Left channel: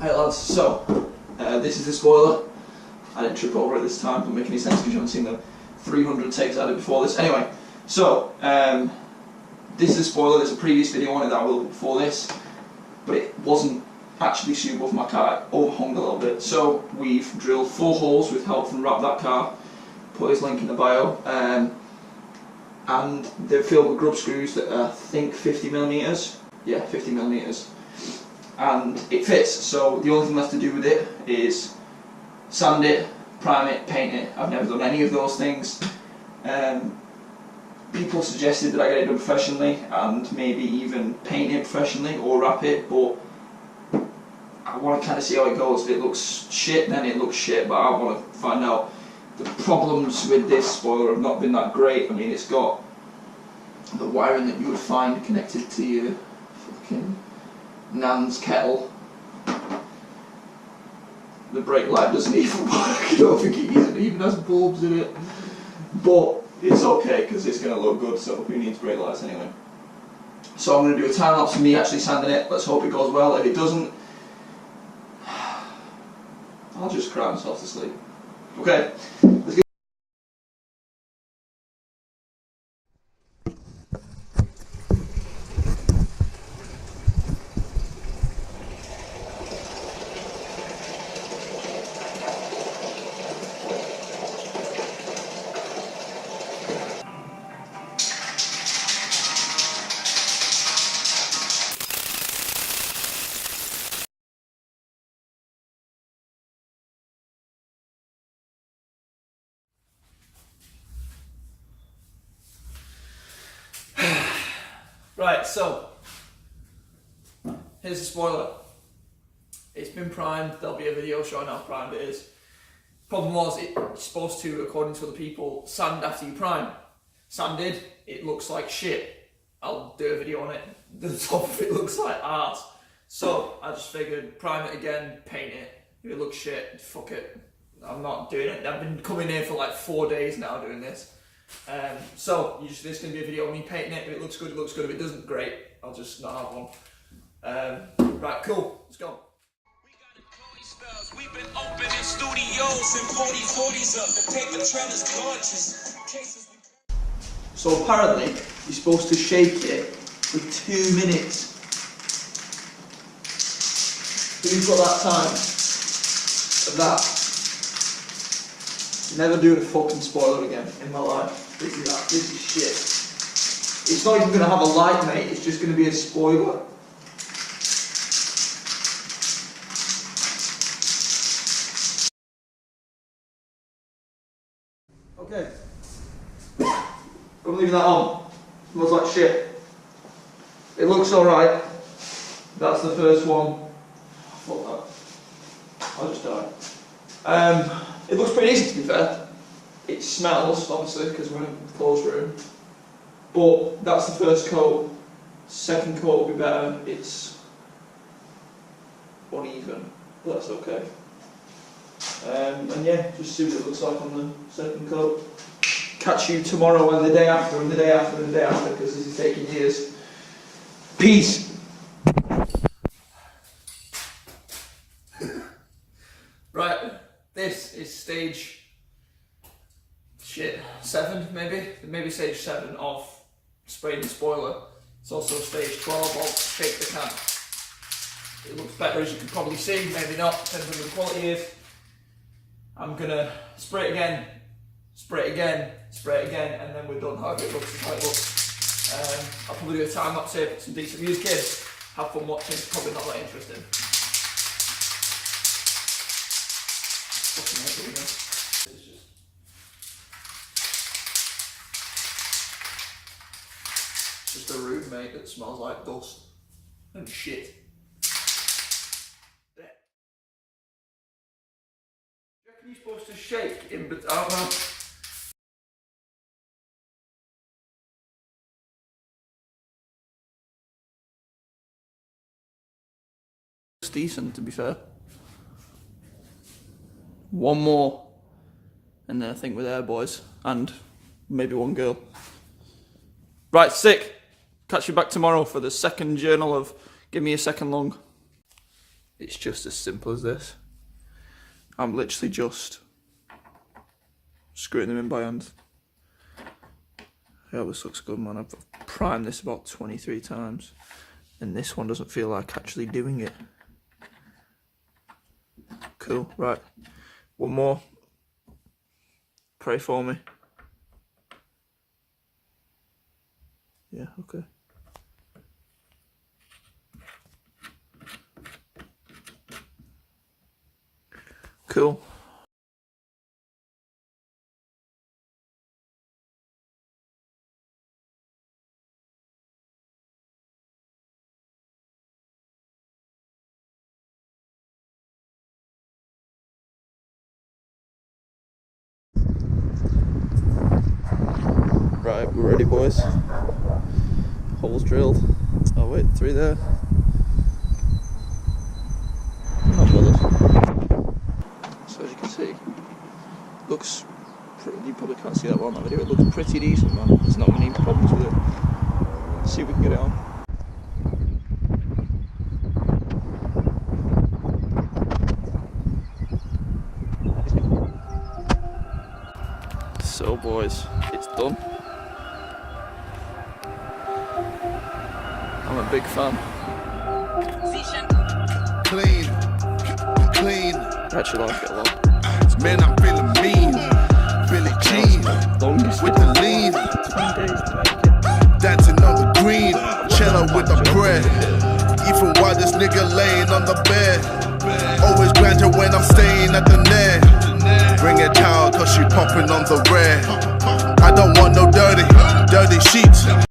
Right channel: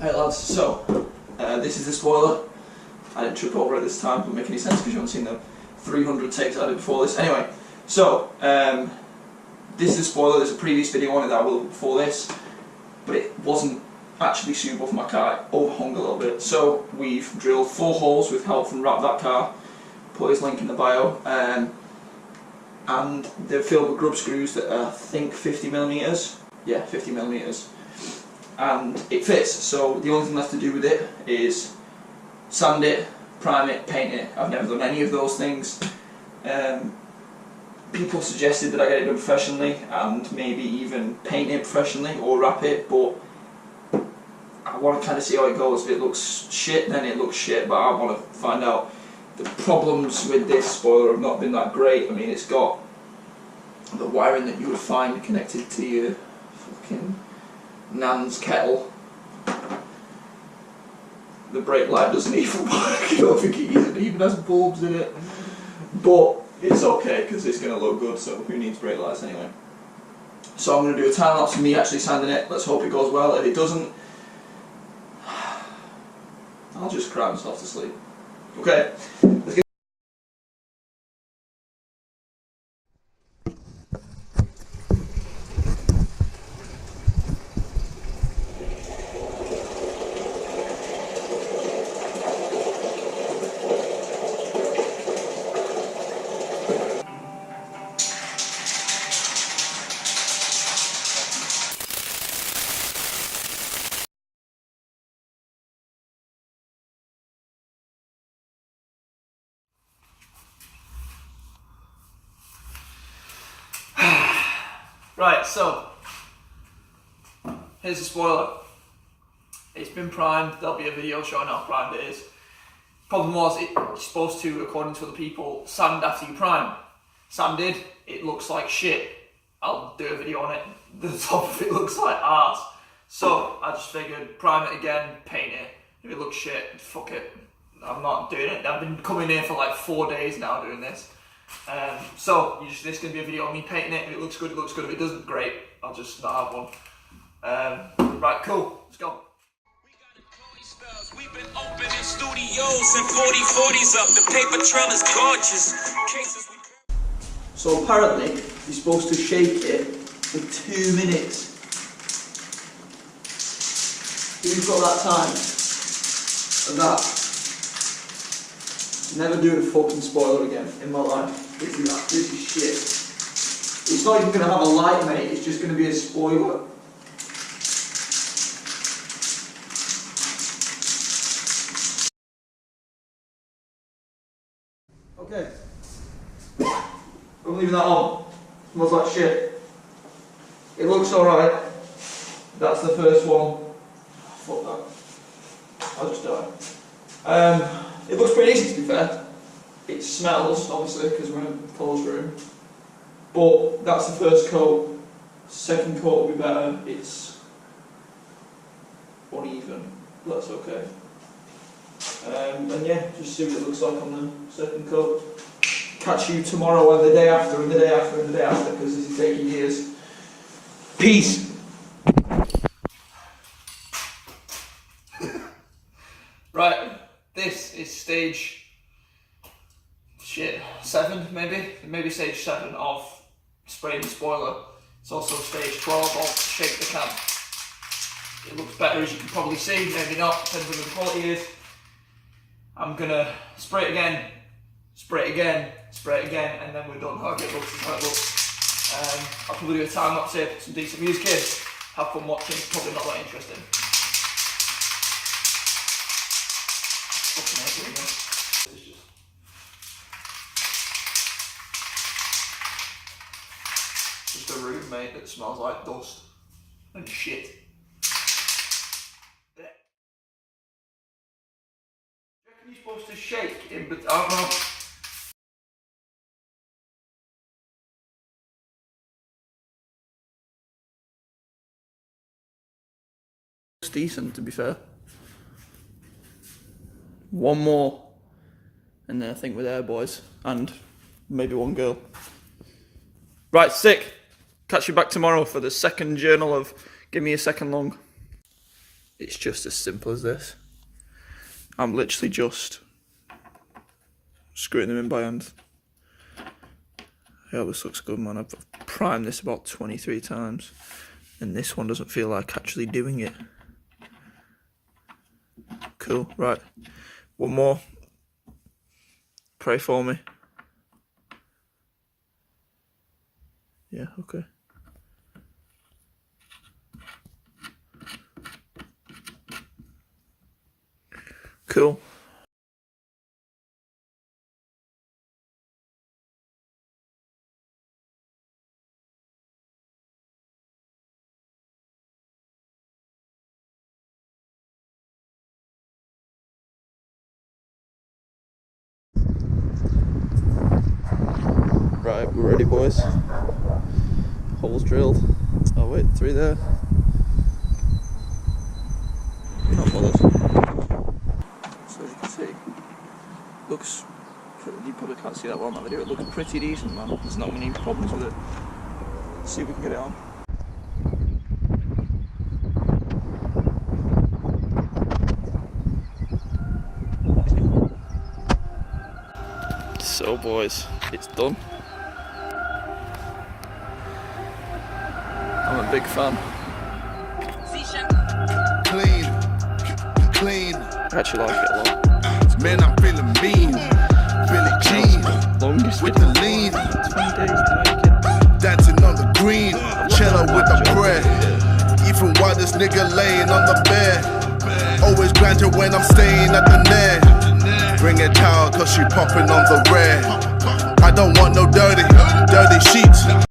Hey lads, so this is the spoiler. I didn't trip over it this time, doesn't make any sense because you haven't seen the 300 takes I did before this. Anyway, so this is a spoiler. There's a previous video on it that I will before this, but it wasn't actually suitable for my car. It overhung a little bit. So we've drilled 4 holes with help from Wrap That Car. Put his link in the bio. And they're filled with grub screws that are, I think, 50mm. Yeah, 50mm. And it fits, so the only thing left to do with it is sand it, prime it, paint it. I've never done any of those things. People suggested that I get it done professionally and maybe even paint it professionally or wrap it, but I want to kind of see how it goes. If it looks shit, then it looks shit, but I want to find out. The problems with this spoiler have not been that great. I mean, it's got the wiring that you would find connected to your fucking Nan's kettle. The brake light doesn't even work. I don't think it even has bulbs in it. But it's okay because it's going to look good, so who needs brake lights anyway? So I'm going to do a time lapse of me actually sanding it. Let's hope it goes well. If it doesn't, I'll just cry myself to sleep. Okay, let's get. Right, so here's the spoiler. It's been primed. There'll be a video showing how primed it is. Problem was, it's supposed to, according to other people, sand after you prime. Sanded, it looks like shit. I'll do a video on it. The top of it looks like arse. So I just figured, prime it again, paint it. If it looks shit, fuck it. I'm not doing it. I've been coming here for like 4 days now doing this. So this is going to be a video of me painting it. If it looks good, it looks good. If it doesn't, great. I'll just not have one. Right, cool. Let's go. We've been opening studios and 40/40s up. The paper trail is gorgeous. So apparently, you're supposed to shake it for 2 minutes. If you've got that time of that. Never doing a fucking spoiler again in my life. This is shit. It's not even going to have a light, mate. It's just going to be a spoiler. Okay. I'm leaving that on. Smells like shit. It looks alright. That's the first one. Fuck that. I'll just die. It looks pretty easy, to be fair. It smells, obviously, because we're in a closed room. But that's the first coat. Second coat will be better. It's uneven, but that's okay. And yeah, just see what it looks like on the second coat. Catch you tomorrow and the day after and the day after and the day after, because this is taking years. Peace! Right. This is stage 7, maybe stage 7 of spraying the spoiler. It's also stage 12 of shake the can. It looks better, as you can probably see, maybe not, depends on what the quality is. I'm gonna spray it again, spray it again, spray it again, and then we're done. However it looks is how it looks. I'll probably do a time lapse here, put some decent music in, have fun watching, probably not that interesting. Just a room, mate, that smells like dust and shit. Yeah. Do you reckon you're supposed to shake in between? I don't know. It's decent, to be fair. One more, and then I think we're there, boys, and maybe one girl. Right, sick. Catch you back tomorrow for the second journal of Give Me a Second Long. It's just as simple as this. I'm literally just screwing them in by hand. Yeah, this looks good, man. I've primed this about 23 times, and this one doesn't feel like actually doing it. Cool, right. One more. Pray for me. Yeah, okay. Cool. Right, we're ready, boys. Holes drilled. Oh wait, 3 there. Not bothered. So as you can see, looks pretty, you probably can't see that well in that video, it looks pretty decent, man. There's not many problems with it. Let's see if we can get it on. So boys, it's done. I'm a big fan. Clean. I actually like it a lot. Man, I'm feeling mean. Billy Jean Longest with the lean. 20 days to make it. Dancing on the green. Cello with the bread. Even while this nigga laying on the bed. Always grandeur when I'm staying at the net. Bring it out cause she popping on the red. I don't want no dirty sheets.